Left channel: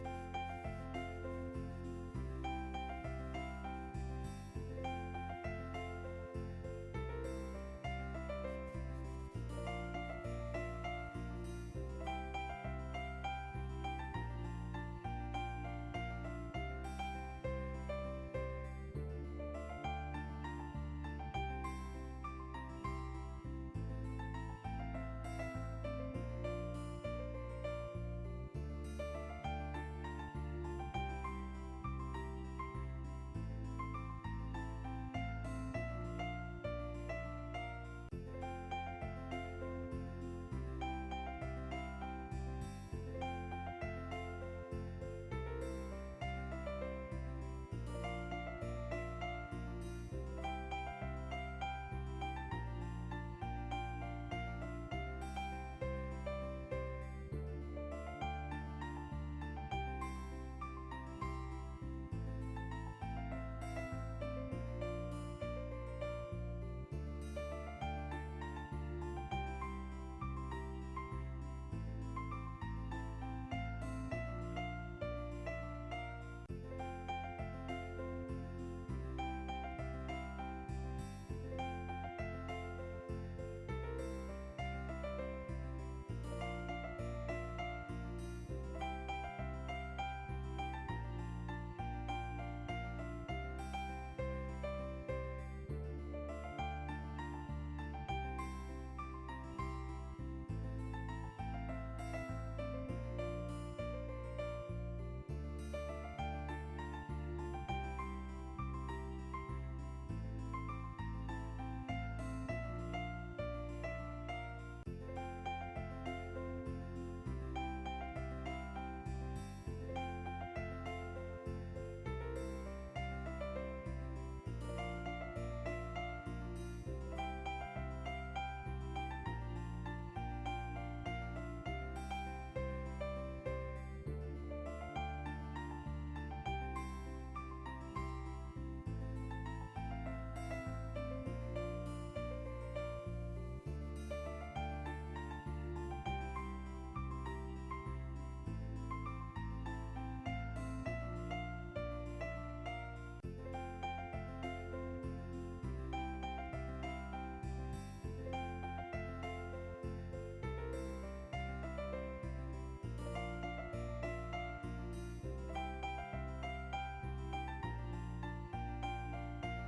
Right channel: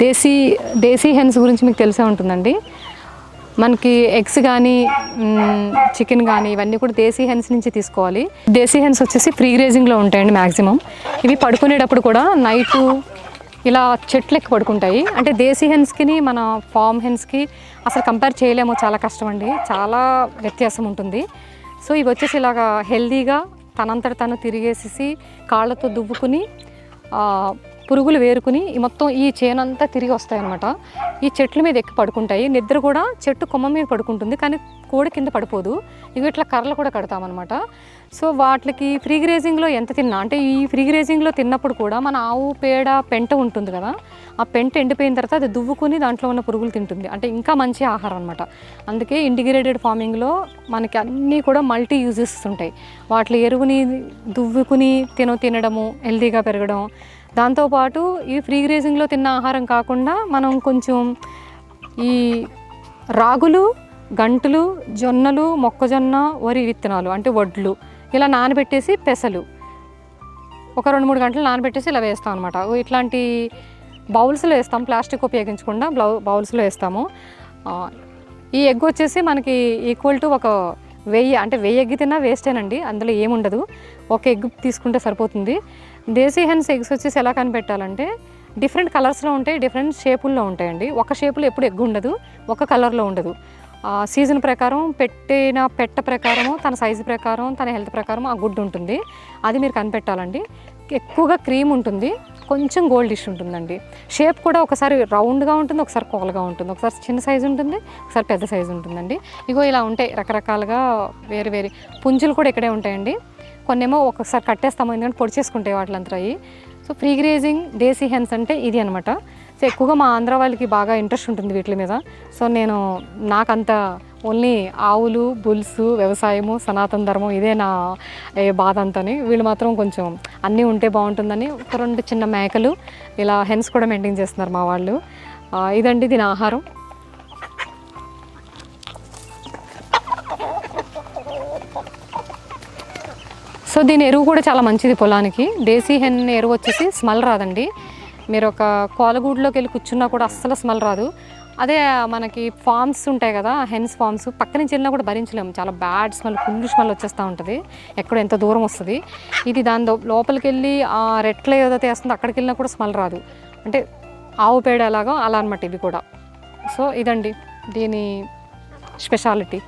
దేశీ దేశీ hence గురించి మీకు తెలిసే ఉంటుందండి. మనకి ఎగ్స్ కానీ చికెన్ కానీ ఇవన్నీ కూడా దేశీ హెన్స్ నుంచి తీసుకోవాలి. దేశీ హెన్స్ వచ్చేసి ఫ్రీ గ్రేజింగ్లో ఉంటాయండి మ్యాక్సిమం. ఇవి పడుకునేటప్పుడు కూడా నైటు ఇలా చెట్లు ఎక్కి పడుకుంటాయి. అంటే దేశీ హెన్స్కి మన ఫామ్ హెన్స్కి అసలు కంపేర్ చేయలేము, చాలా కష్టం అండి, చాలా వ్యత్యాసం ఉంటుంది. సో ఇవి వచ్చేసి ఇలాగా హెల్దీగా తనంతట తను తిరిగేసేసి కాళ్ళతో దువ్వుకుని పురుగులు వేరుకుని మొత్తం ఈ చేనంతా తిరిగి వస్తాయన్నమాట. ఈ చెట్ల మీద ఎక్కి పడుకుంటాయి. నిద్ర కూడా చెట్టు కొమ్మ మీద పడుకుంటుంది, కానీ కోడి కింద పడిపోదు. ఇవి ఇట్లా కర్రలు కూడా కడతామన్నమాట. సో వాటికి ఫ్రీ గ్రేజింగ్లో ఎంత తిన్నా, అంటే ఈ ఫ్రీ గ్రేజింగ్లో తిన్నప్పుడు కూడా మన ఆవు పేడ పెంట ఉంటుంది కదా, ఆ పెంట ఎండిపోయిన తర్వాత అది దువ్వుకుని దాంట్లో ఉన్న పురుగులు తింటుంది. అంటే ఇంకా మంచి ఆహారం అనమాట. అందుకే ఇంటిగ్రేటెడ్ ఫార్మింగ్లో మనకి అన్నీ కూడా మల్టీ యూజెస్ ఉంటాయి. వాటి ఎరువుని దువ్వుకుని తినడము, హెల్తీగా పెరగడం. దాంతోపాటు ఈ ఫ్రీ గ్రేజింగ్లో తిన్న ఆహారం కాకుండా మనం కొంచెం ఈ రాగులు, గంటులు, జొన్నలు, మొక్కజొన్న, వరి విత్తనాలు అంటే వడ్లు ఇలా నానబెట్టేసి పెసలు ఒక 2-3 గంటలు నానబెట్టేసి ఇలా వేస్తాం అనమాట. ఇట్లాంటి బౌల్స్లో వేస్తాం, ప్లాస్టిక్ ఉపయోగించకుండా బౌల్స్లో వేస్తాము. ఈ ఎగ్ వచ్చేసి మనకి ఈక్వల్ టు ఒక 1000, అంటే 1000 ఎగ్ తిన్నా వేస్టేనండి, అందులో ఏముండదు. ఒక ఎగ్ తీసుకుంటే సరిపోతుంది. దేశీ హెన్స్ ఎగ్స్ వచ్చేసి ఎలా కనిపెట్టాలంటే డిఫరెంట్ కలర్స్లో ఉంటాయి, డిఫరెంట్ షేపుల్లో ఉంటాయండి. ఒక షేపులో ఎప్పుడు ఎగ్ ఉండదు, ఒక కలర్లో ఉండదు. సీజన్ ప్రకారం పెట్టిన పెట్ట ప్రకారము, తన సైజు ప్రకారం, తన హెల్త్ ప్రకారం ఆ గుడ్డు ఉంటుంది. అది మీరు కనిపెట్టాలండి. ఎక్కువగా క్రీమ్ ఉంటుంది, కొంచెం గోల్డిష్ ఉంటుందండి. షేప్ కూడా ఒకసారి రౌండ్గా ఉంటుంది, ఒకసారి కోలగా ఉంటుంది, ఒకసారి చిన్న సైజు ఉంటుంది, ఒకసారి పెద్ద సైజు ఉంటుందండి. ఇగో ఇలా ఉంటాయి రకరకాలుగా వేరు పుంజులు కూడా ఇక్కడే ఉంటాయండి. కొన్నేమో ఒక్కొక్కసారి కట్టేస్తాము, ఎందుకంటే పొడి చేసుకుంటాయి వాటిలంతా అయ్యి. సో ఫ్రీ గ్రేజింగ్ దేశీ హెన్స్ అంటే ఇది అనమాట. సో ఎక్కువగా మా ఆంధ్ర వాళ్ళకి బాగా ఇంట్రెస్ట్ ఉంటుంది వీటి మీద. సో నాకంత ఓన్లీ ఆవులు, బుల్స్, వ్యవసాయము, సనాతన ధర్మం ఇదే నా బాధ అంతని. వీళ్ళు మాత్రం కొంచెం అన్నీ ఉంటే బాగుంటుందని ఒక 2 చిన్న మేకలు ఇలా హెన్స్ కూడా మెయింటైన్ చేస్తున్నారు మా వాళ్ళు. ఇదండి దీని ఆహారం. సో దీని ఎరువు కూడా చాలా మంచిది పొలానికి. దేశీ హెన్ ఎరువు వచ్చేసి స్మెల్ రాదండి. మీరు ఒక కోలగూడులోకి వెళ్ళి కూర్చున్నా కూడా అస్సలు స్మెల్ రాదు. అదే మనకి ఫార్మ్స్ ఉంటాయి కదా, హెన్స్ ఫార్మ్స్ పక్క నుంచి వెళ్ళినా కూడా భరించలేము, చాలా బ్యాడ్ స్మెల్, ఫుల్ స్మెల్ వచ్చేస్తూ ఉంటుంది, ఎక్కడ ఎంత దూరం వస్తుంది. ఇది దాని లోపలికి వెళ్ళి ఆ రెట్లో ఏదైతే వేస్తుందో అక్కడికి వెళ్ళినా కూడా స్మెల్ రాదు. అంటే ఆవు పేడ ఎలాగో అలా అనమాట ఇవి కూడా. సో ఇదండి దీని స్పెషాలిటీ.